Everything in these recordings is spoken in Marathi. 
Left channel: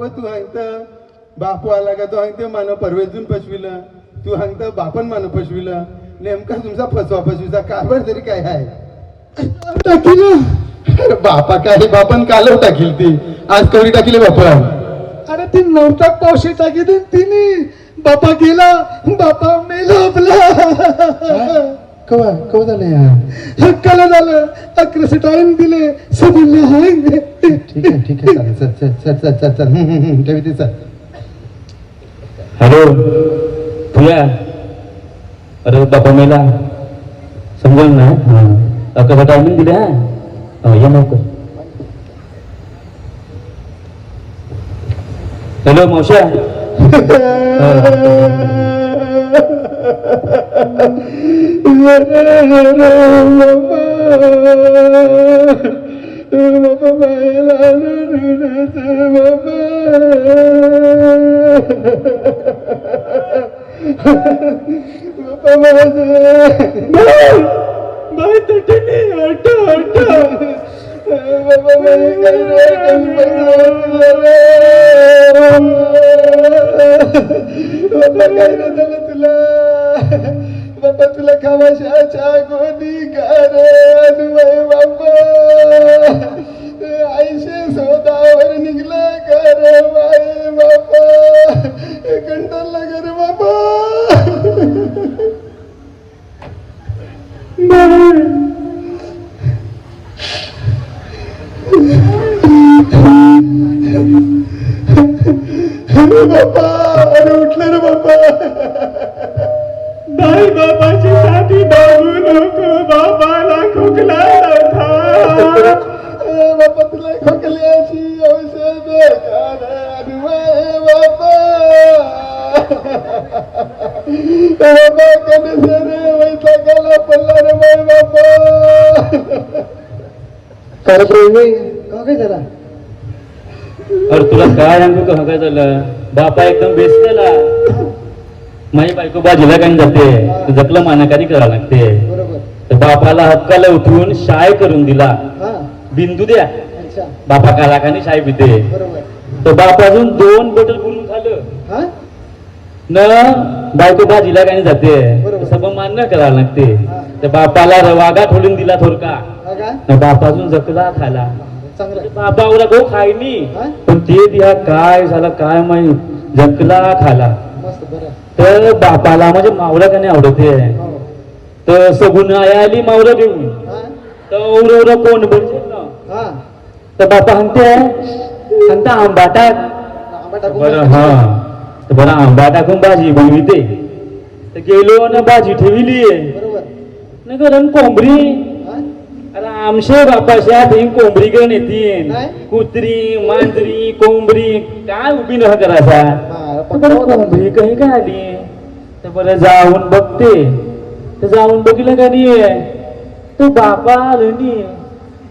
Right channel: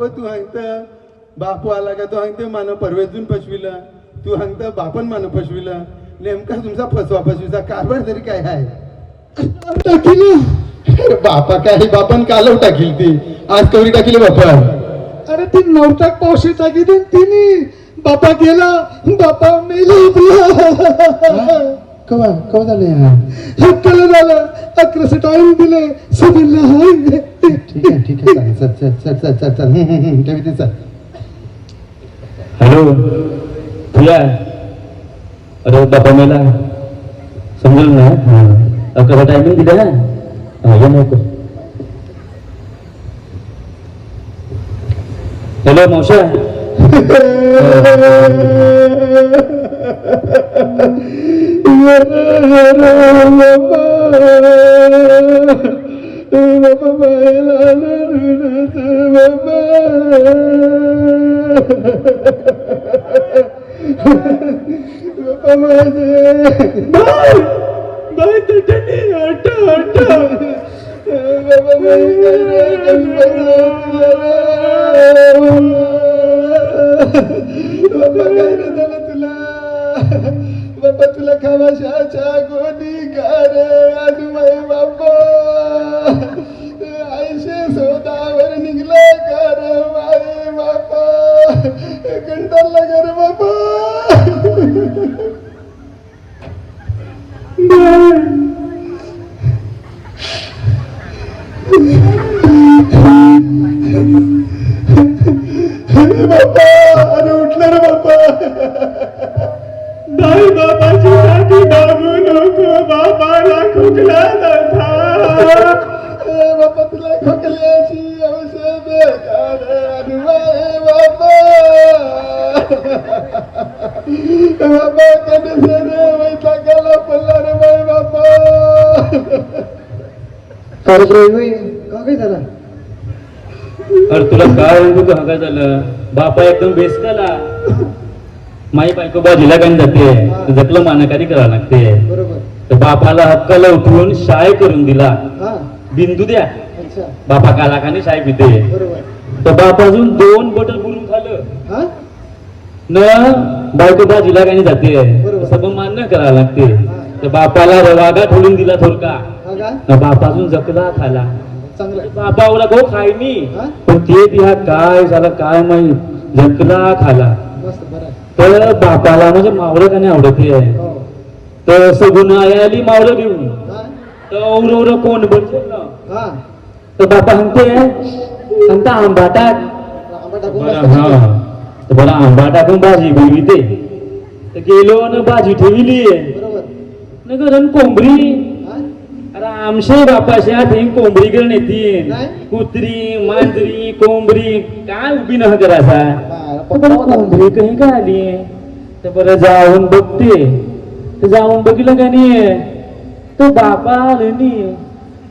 तू हांगता बापू आला का तो हांगता मान परवेजून पशविला तू हांगता बापन मान पशविला नेमका तुमचा फसवा फसवीचा कारभार तरी काय आहे टाकील बापा काय बापन कालव टाकील ती आज कवरी टाकील बापा अरे ती नवटाक पावशी टाकी दे तिने बापा गेला बापा मेला आपला कवा कवा झालं हक्काला झाला 11 टाइम दिले सबिल्ला हाय ठीक आहे चल चल चल चल चल चल ठेवी ते चल हॅलो तुला अरे बापा मेला समजेल ना कसा टायमिंग दिला या नको हॅलो मावश्या बाबा तुला खावाशाच्या गोदी कर बाबा आईशे सोदावर निघला कर बाई बाबा कंटाळला कर बाबा बाबा अरे उठला रे बाबा बाई बाबाची साठी बाबू नको बाबाला खोकला होता बाबा तुला खोकल्याची औषध बाबा बाबा कधी वैसा गाला पडला रे बाई बाबा काय झाला अरे तुला काय सांगू का काय झालं बापा एकदम बेस्ट झाला माई बायको बाजीला काय जाते जपलं मानकारी करावं लागते तर बापाला हक्काला उठवून शाय करून दिला बिंदू द्या बापा कालाखाने शाय पिते तर बापा अजून 2 बॉटल बोलून खाल्लं न बायको बाजीला काय जाते सगळं मान्य करावं लागते तर बापाला रवागा ठोलून दिला थोडका बापा अजून जकला खाला बापा ओला गो खायनी पण ते दिया काय झालं काय माहित जकला खाला तर बापाला म्हणजे मावळं का नाही आवडते तर सगुन आली मावळं घेऊन तर औरवरा कोण बोलते ना तर बापा म्हणते आंबा टाक हा तर बरं आंबा टाकून भाजी बनविते तर गेलो आणि भाजी ठेवली न गरम कोंबरी अरे आमच्या बापाच्या ते कोंबडी करून येतील कुत्री मांजरी कोंबडी काय उभी न करायचा बरं कोंबडी काही काय आली तर बरं जाऊन बघते तर जाऊन बघितलं का नाही तो बापा आलं नाही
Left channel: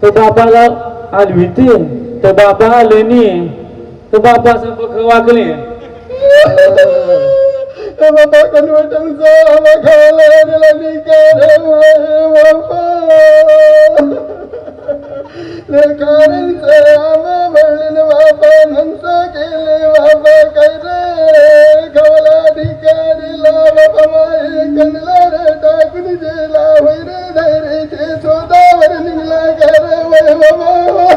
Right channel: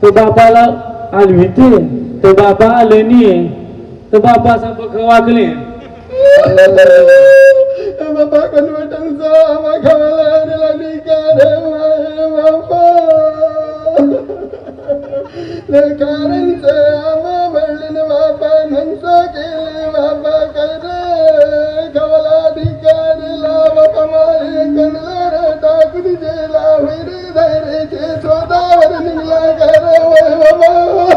तो बापाला आलविते तो बापा आलं नाही तो बापा असं बघ वागले बाबा कन्वर्टनचा हवा खायला लेकरांचं आम्हा म्हणून बाबा नंतर केले बाबा काय रे गवला ठिकाणीला बाबा माई कंगला रे टाकून गेला वैर धैर्याचे शोधावर निघला कर वय बाबा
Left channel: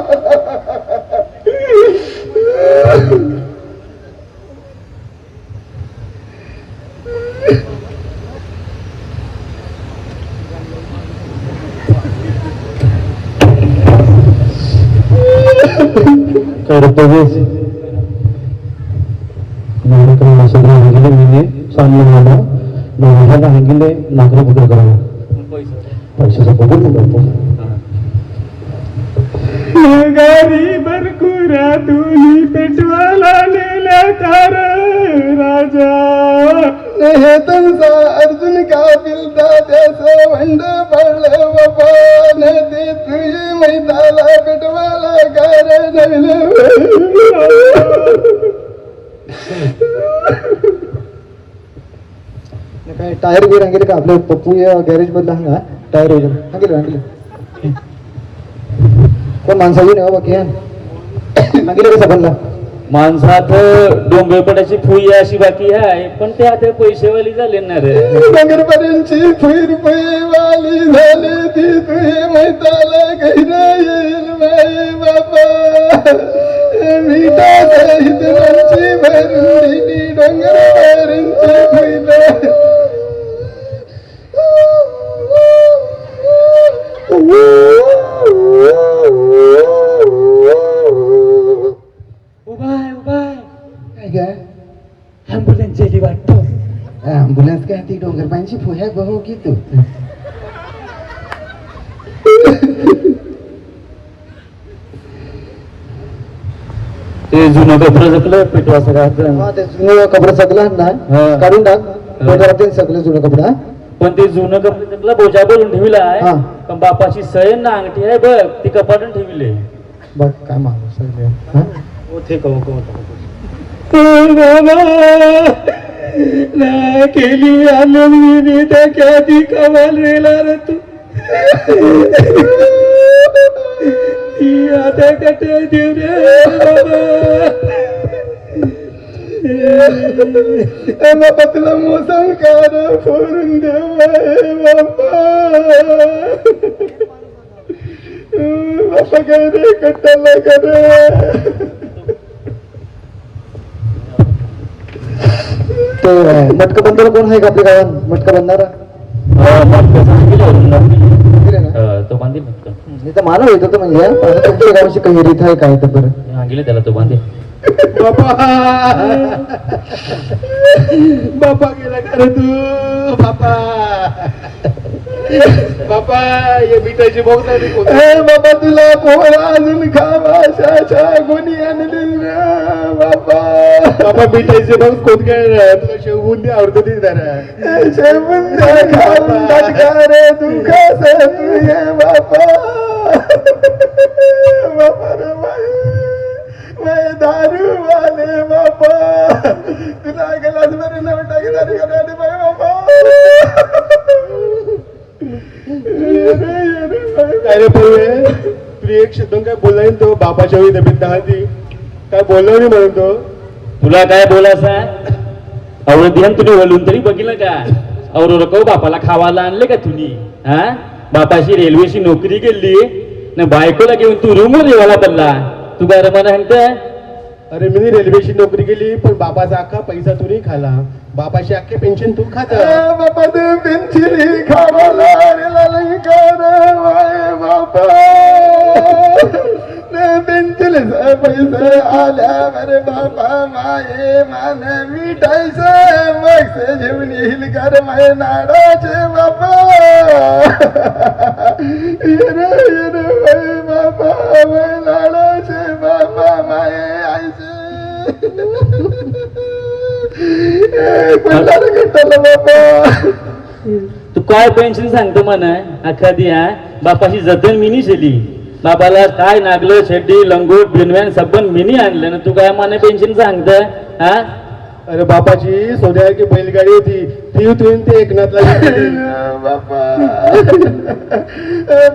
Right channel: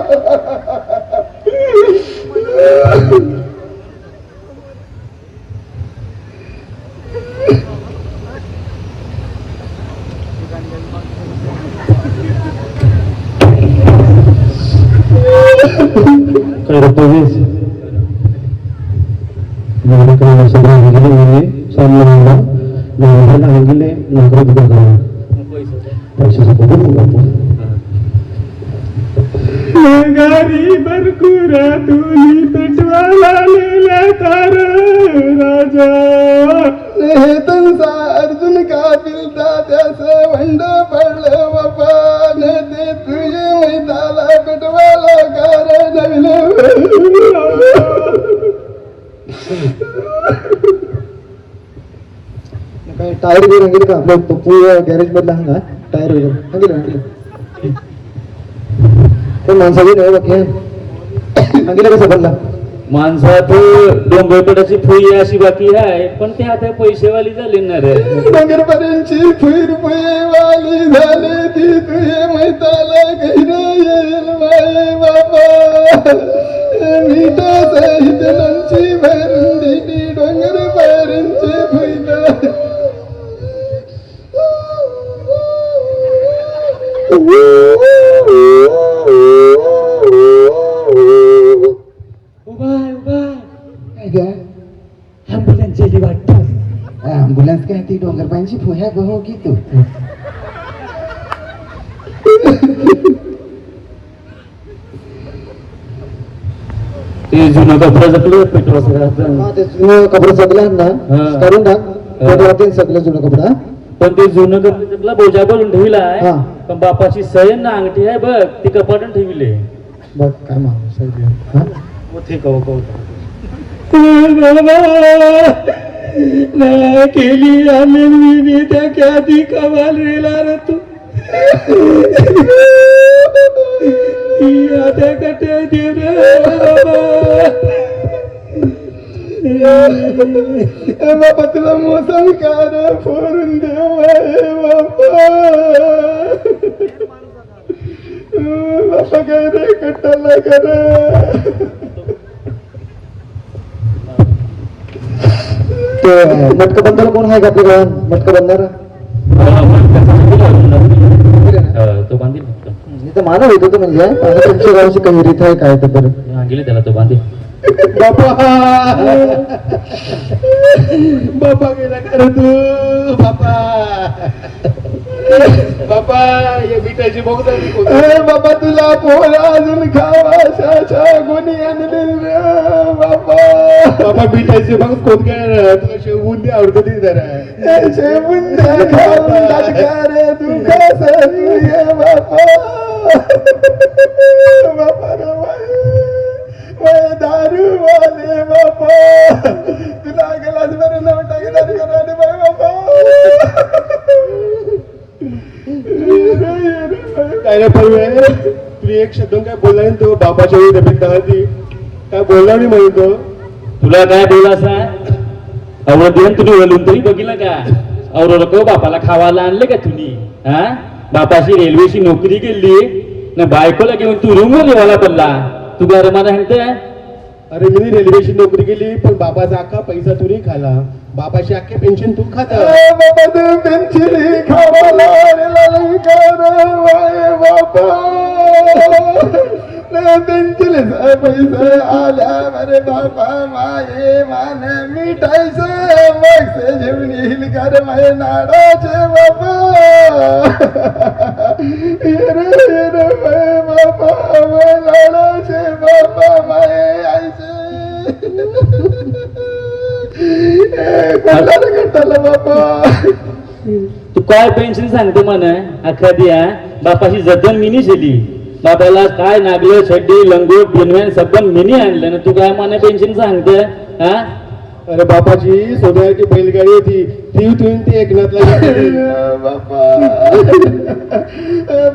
गरीबर कुरा तुली पेटवाला लेला कार राजा हे तुमचा अर्जुन का दिलता त्याचं भंड पडलं बाबा नदी तुझे मैदाला पेटवाला कार काय टायर बी रंगेल का आपल्या पप्पू गॅरेज मधला हा टायर रंगेल पण माणसाची नाही बाकी रंगेल कसं पडला माणसात डोंगरपटाची फुई अशी बाकी आहे पण ते आता पैसेवाली झाले ना रे. नगरपर्यंतची फुईर वाली झाली ती तुझे मैताला कैरा येईल माये बापा मीठा सहित मंची भरून दिली डोंगरपर्यंतची फुईला. ॲम्ब्युलन्स गेली वाटतं. ॲम्ब्युलन्स काय ती डोंगरपांची फुह्या गहो की तू ते जुनं कपडं जपलं पेटवाचं राहतं. ते जुनं कपडे सगळं ना हा. काढून टाक सगळं जुनं कपडा. पण ते जुनं कपडे जपला बोजा बोलून ठेवलाय हा. पण बापाची सयन ना अंगठी आहे बघ ती कपाटून ठेवले. बघ काय मागू केली आनंदी त्या ख्याती कमाल रेला रे तू आता कटे देव रे बाबा तुला मोसम कार फोडून देव बापा काय रे कट्टाला करे. मटका बंदारा कोण आहे का आपल्या गावात मटका बंदारा तो बांधील इथं मला येत होतं म्हणजे तुमच्या गावाची काही रीत आहे काय तर बरं गेले त्याला तो बांधील. बापा बापा गेला खरं तू बापा बापा हे मिठाची बघ बाबा तुला पोळा अजून खावा गुन्हे आणले बापा बाबा मिठाची बघ कोण काय तुला शेवबुंदी आवडतो ती जरा शेवबुंदी खाऊन रे तू कसं तुझे बापा बापा रे दारू वाले बापा तुला गेलास बरं नाव टाकले बापा काय रे तुला एक शब्द काय बोलला तो बापाच्या वेळी तब्येत दहाती काय बोलला मी म्हणतो तुला काय बोलासा अवळ देन तुम्ही वळून तरी बघितलं का अवळ रको बापाला खावायला आणले का तुम्ही हा बापाशी रेल्वेची नोकरी केली ना बायकोला घेऊन तू रूमवर रेवायला पडला तू काय रमाना म्हणताय. अरे मी रेल्वेची नोकरी केली पण बाबाचा अख्खा पैसा तू खाला बापाची अख्खी पेन्शन तू खाता बाबा तू पेन्शन खावाला बापा पेन्शन पैसे आल्या बरे बापा माये मान मिठायचं मग जेवण येईल कर माये नाडाचे बापा बापा नाडाचे बापा माये आईचे तू काय पेन्शन सांगतो म्हणा अख्खा दिया बापाची जतन मिनी शेली बापाला काय नागले छड्डी लंगोट बिनव्यान सबन मिनी आणलं ना तू काय माने पेन्शन सांगतोय हा. अरे बापाची सोन्याची बैलगाडी होती ती तुम्ही ते एकनाथला बापा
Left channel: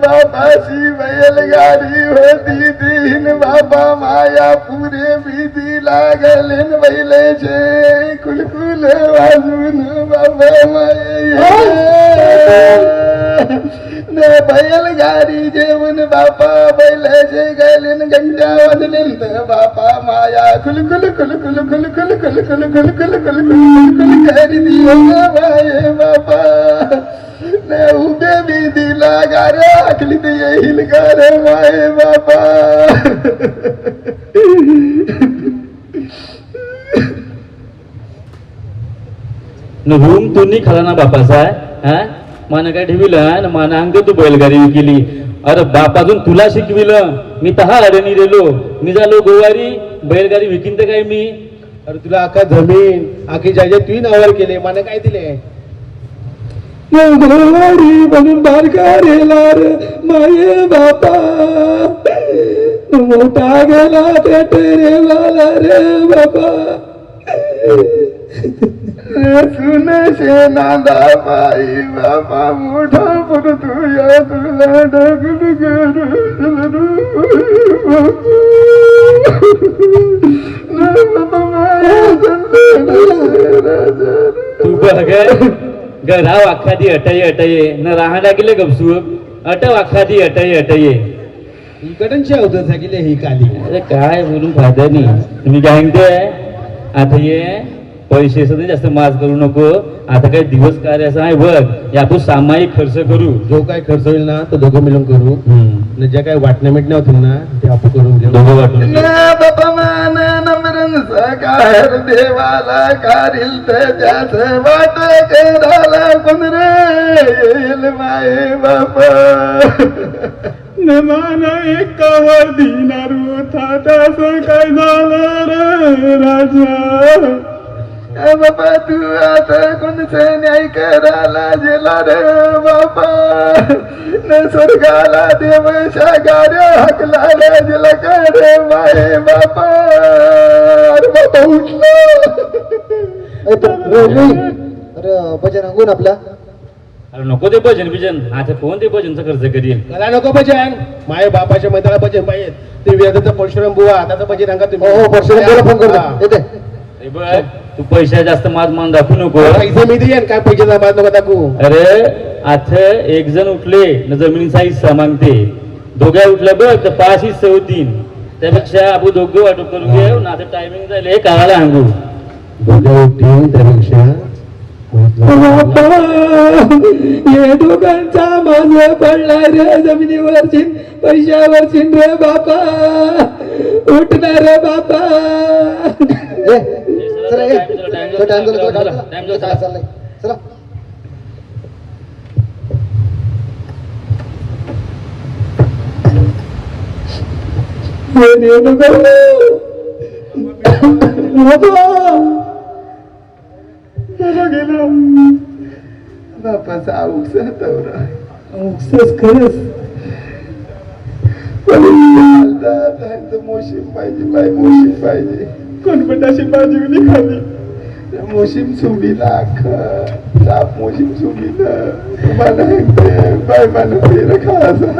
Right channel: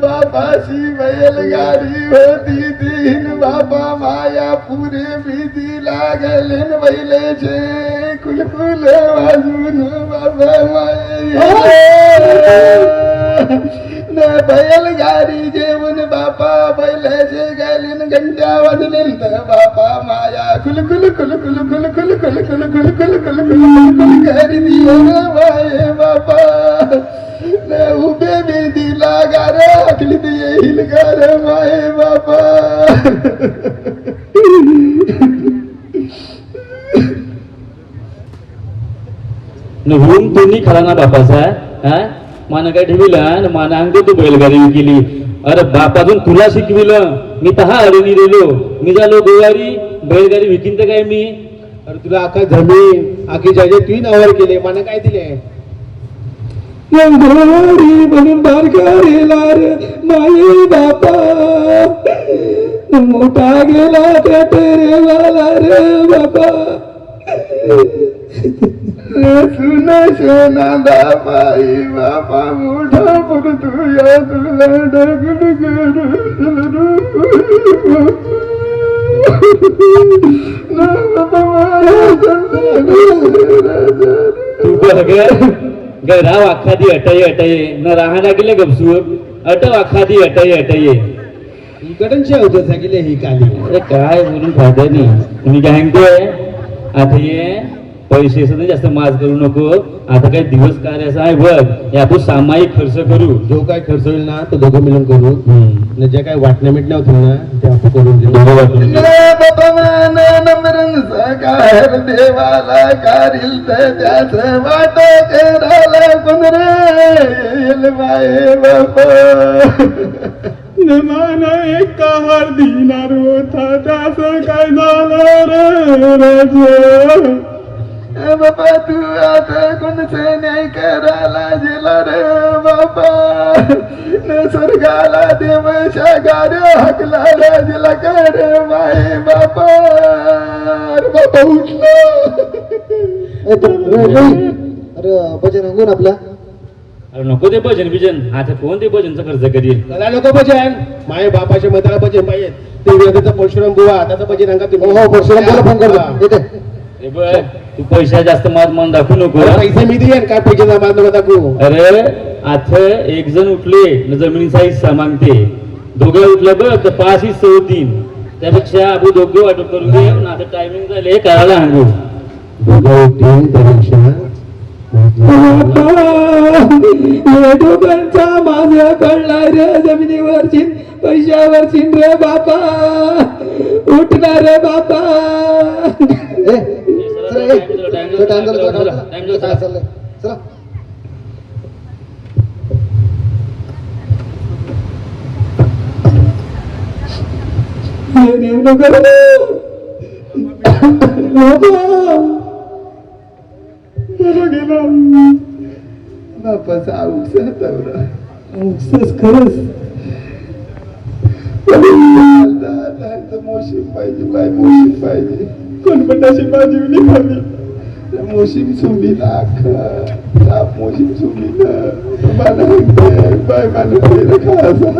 बापाची बैलगाडी होती तीन बाबा माया पुरे भीती लागले बैलेचे कुलकुल वाजून बाबा माये बैलगाडी जेवण बापा बैलाचे गेले घंट्या वाजले तर बापा माया कुलकुल कुलकुल कुलकुल कुलकुल कुलकुल कुलकुल करी दियो माये बापा उभे बी दिला गारे आखली ते येईल गारे माये बापा रूम तुम्ही खाला ना बापाचा हा माना काय ठेविलं माना अंग तू बैलगाडी विकली अरे बापाजून तुला शिकविलं मी तहा अडणी रेलो मी झालो गोवारी बैलगाडी विकीन तर काय मी. अरे तुला अख्खा जमीन आखी जागे तू नावावर केले मला काय दिले गोवारी म्हणून बारकारेला रे माये बापा मोठा गेला त्या टेरेवाला रे बाबा सुन शेनादा बाई बाबा मोठा पर तुया तुला डगल करू घरा वाखादी अटये अटये न राहण्या गेले गपसूप अट वाखादी अटये अटये इकडच्या होतं सांगितले ही काली. अरे काय बोलून फायदा नाही. तुम्ही काय म्हणते आता ये पैसे सुद्धा जास्त माज करू नको. आता काय दिवस कार्य असं आहे बघ, या आपण सामायिक खर्च करू. जो काय खर्च होईल ना तो दोघं मिळून करू. आणि ज्या काही वाटण्या मिटण्या होतील ना ते आपण करून देऊ. दोघं वाटून घेऊ. बापा मान नम्रन सकार देवाला कारिल तर त्याच वाट कराला कोण रे माये बापा. नमाना एक दिनार होता त्यास काय झालं रे राजा. बापा तू आता कोणचे न्याय करायला गेला रे बापा. स्वर्गाला देव शागारे हकला रे गेला करे माये बापा. बापा अरे भजन अंगून आपला. अरे नको ते भजन बिजन. आता कोण ते भजनचा खर्च करील. त्याला नको भजन. माये बापाच्या मैत्रा भजन पाहिजे. ते वेदाचं परशुराम बुवा त्याचं भजन अंगा तुम्ही. हो परशुराम फोन करतो. हे बघ तू पैसा जास्त माज मन दाखवू नको. पैसे मी देईन काय पैसे माज नको दाखवू. अरे आता एक जण उठले न जमिनीचा हिस्सा मागते. दोघे उठले बघ तर 5 हिस्से होतील. त्यापेक्षा आपण दोघे वाटप करून घेऊ ना. आता टायमिंग झाले काळाला सांगू. दोघं उठतील त्यापेक्षा दोघांचा माझ पडला रे जमिनीवर चिन पैशावर चिन रे बापा. उठणार रे बापा. बापाचा औषध दौरा खरंच मोशीम पाहिजे बाय मोशीम पाहिजे. कोणपटाशी बाजूनी खाली मोशीम सुमीला साप मोशीम सुमीला मला बाय मला फेर खायचा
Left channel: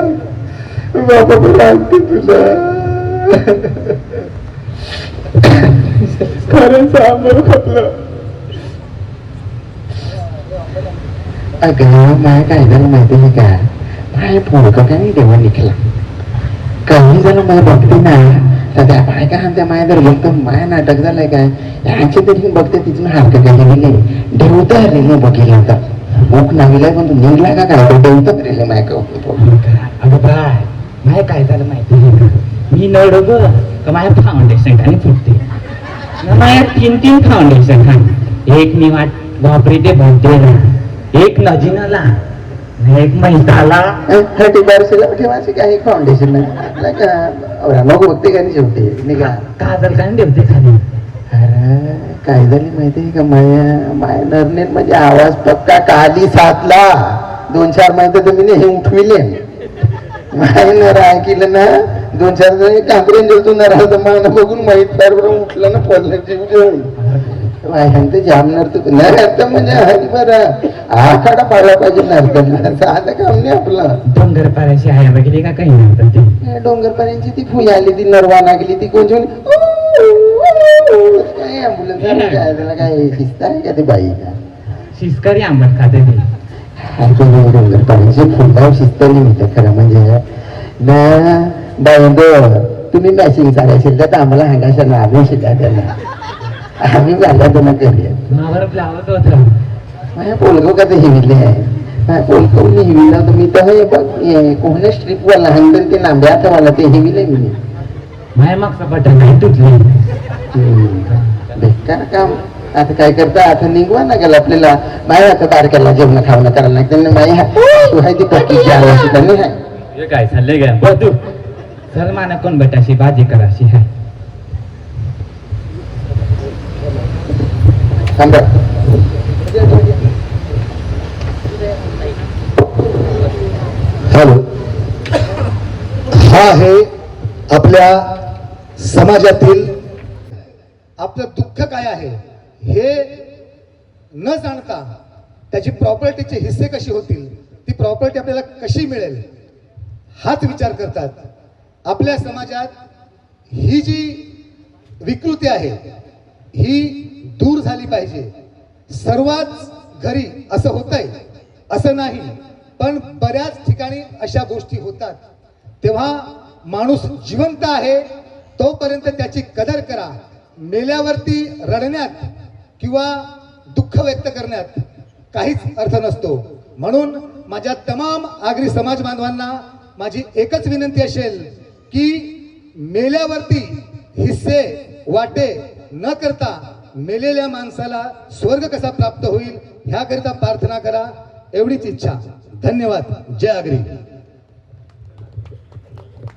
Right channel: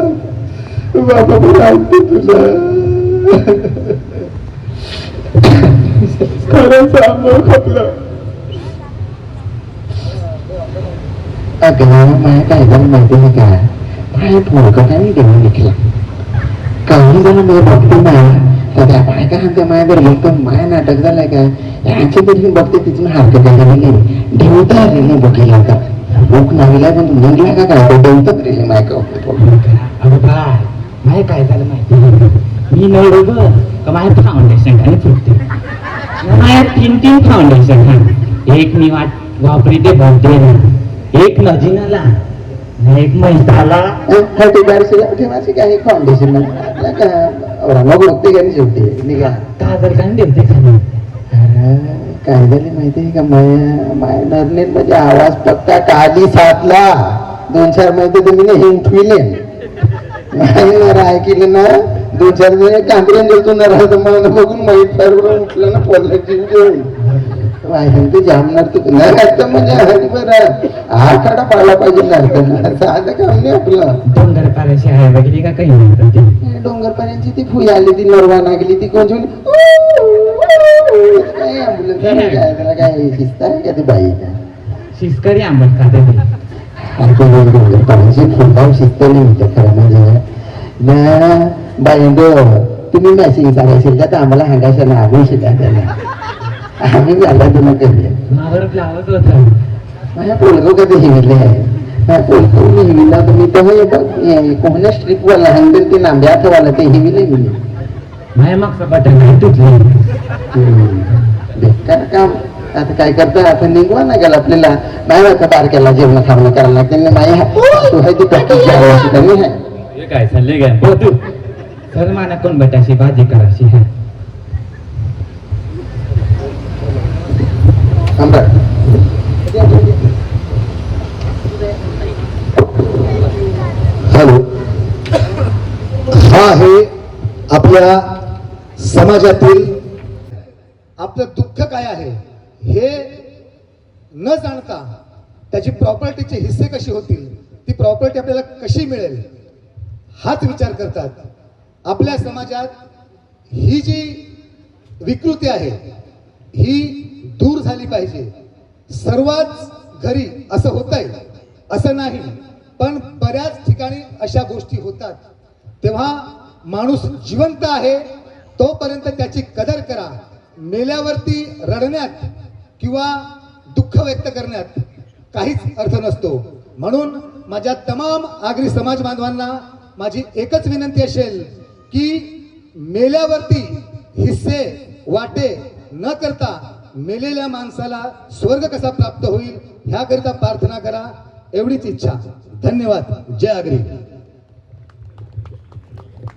बाबा बोलावते तुला. खरंच आम्हाला खपलं. अगं माझ्या काय झालं माहिती आहे का. माझ्या फोडकटाने देवा निघला काही झालं मला बघते नाही तर त्या बायका त्या माझ्या जर बघतो माया नाटक झालंय काय यांची तरी बघते तिथून हरकत गेली ढेवता आलेली बघितलं तर ओक नावीला पण तू निघला का काय तर ढेवतात रेले माया कवतो. अगं बाय माझ्या काय झालं माहिती आहे का. मी नळ ग का माझ्या फाउंडेशन खाली फुटते. माझ्या 3 फाउंडेशन खाली. एक मी वापरते भरतेला, एक नजीनाला, एक मैताला. ठेवायची काही फाउंडेशन आपल्या का मग बघते का शेवटी निघा काजल काय देते खाली. काय झाली माहितीये का माया नरनेत म्हणजे आवाज पक्का काली सातला 2-4 महिने तुम्ही हे उठविले नर ऐकलं ना 2-4 महिने कांबरेन गेलतो न राहतो मला बघून माहीत फारवरून उठलं ना पडलं जीव जेवण ते जामणार तू नर म्हणजे बरं आखाडा पाळला पाहिजे नरकडला साधं काम नाही आपलं. डोंगर पाऱ्याची आहे बघितली का काही म्हणतात ते. डोंगर पाऱ्यांची ती फुई आली ती नरवाना गेली ती कोणची काय ॲम्ब्युलन्स काय त्याला काय शिस्त आहे का ती बाई शिस्कारी आंबट खाते ते. डोंगर पाऱ्यांची फुलगाव शिस्त नाही म्हणते खरं म्हणजे ना बायंग तुम्ही मॅसिंग सांगायचे तर आम्हाला हँगायचं ना आम्ही शिका त्याला आम्ही झाला तुम्ही केले लावत होतं. माझ्या पोलगो कधी हिविले आहे माझ्या पोलगो मी हिविला तर मी तेव्हा कोणत्या स्ट्रीपवाला हँगल ते नांब्या वाला ते हिविले मी माझ्या मागचा बटन तुटलं. बेकार काम. आता काय करता आता निघवा ना गेला आपल्याला नाही आता बारक्याला जेवण खावणं करायला लागते माया तू आहे ती पक्कीची आवाज कमी आहे. काय चाललंय का तू सर माना कोण बटाशी भाजी कराशी आहे. हॅलो. हा आहे आपल्या समाजातील आपलं दुःख काय आहे हे न जाणता त्याची प्रॉपर्टीचे हिस्से कशी होतील ती प्रॉपर्टी आपल्याला कशी मिळेल हाच विचार करतात. आपल्या समाजात ही जी विकृती आहे ही दूर झाली पाहिजे. सर्वात घरी असं होतंय असं नाही, पण बऱ्याच ठिकाणी अशा गोष्टी होतात. तेव्हा माणूस जिवंत आहे तोपर्यंत त्याची कदर करा. मेल्यावरती रडण्यात किंवा दुःख व्यक्त करण्यात काहीच अर्थ नसतो. म्हणून माझ्या तमाम आगरी समाज बांधवांना माझी एकच विनंती असेल की मेल्यावरती हिस्से वाटे न करता मेलेल्या माणसाला स्वर्ग कसा प्राप्त होईल ह्याकरिता प्रार्थना करा, एवढीच इच्छा. धन्यवाद. जय आगरी.